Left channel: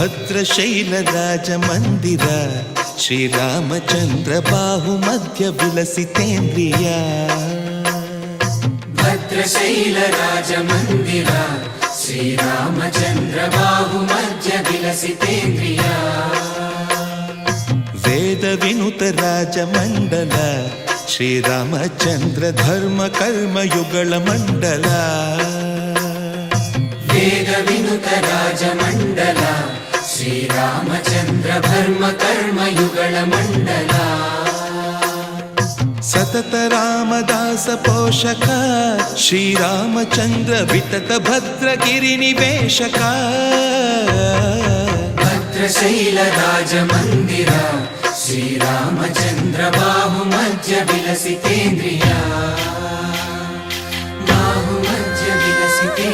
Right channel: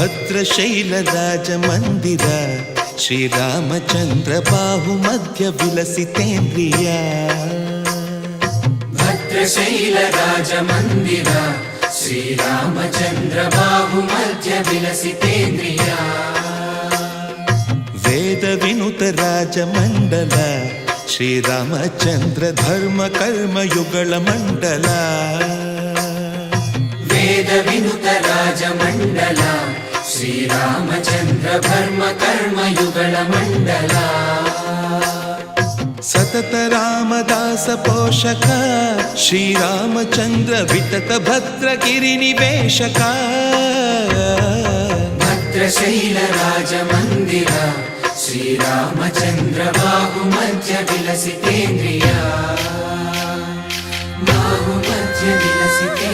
ಭದ್ರಶೈಲ ರಾಜ ಮಂದಿರ ಶ್ರೀರಾಮಚಂದ್ರ ಬಾಹು ಮಧ್ಯ ವಿಲಸಿತೇಂದ್ರಿಯ ಭದ್ರಶೈಲ ರಾಜ ಮಂದಿರ ಶ್ರೀರಾಮಚಂದ್ರ ಬಾಹು ಮಧ್ಯ ವಿಲಸಿತೇಂದ್ರಿಯ ವೇದ ವಿನುತ ರಾಜ ಮಂಡಲ ಶ್ರೀರಾಮಚಂದ್ರ ಧರ್ಮ ಕರ್ಮ ಯುಗಳ ಮಂಡಲ ವೇದ ವಿನುತ ರಾಜ ಮಂಡಲ ಶ್ರೀರಾಮಚಂದ್ರ ಧರ್ಮ ಕರ್ಮ ಯುಗಳ ಮಂಡಲ ಸತತ ರಾಮದಾಸ ಪೋಷಕ ಶ್ರೀರಾಮಚಂದ್ರ ವಿತತ ಭದ್ರಗಿರಿ ನಿವೇಶಕ ಭದ್ರಶೈಲ ರಾಜ ಮಂದಿರ ಶ್ರೀರಾಮಚಂದ್ರ ಬಾಹು ಮಧ್ಯ ವಿಲಸಿತೇಂದ್ರಿಯ ಬಾಹು ಮಧ್ಯ ವಿಲಸಿತೇಂದ್ರಿಯ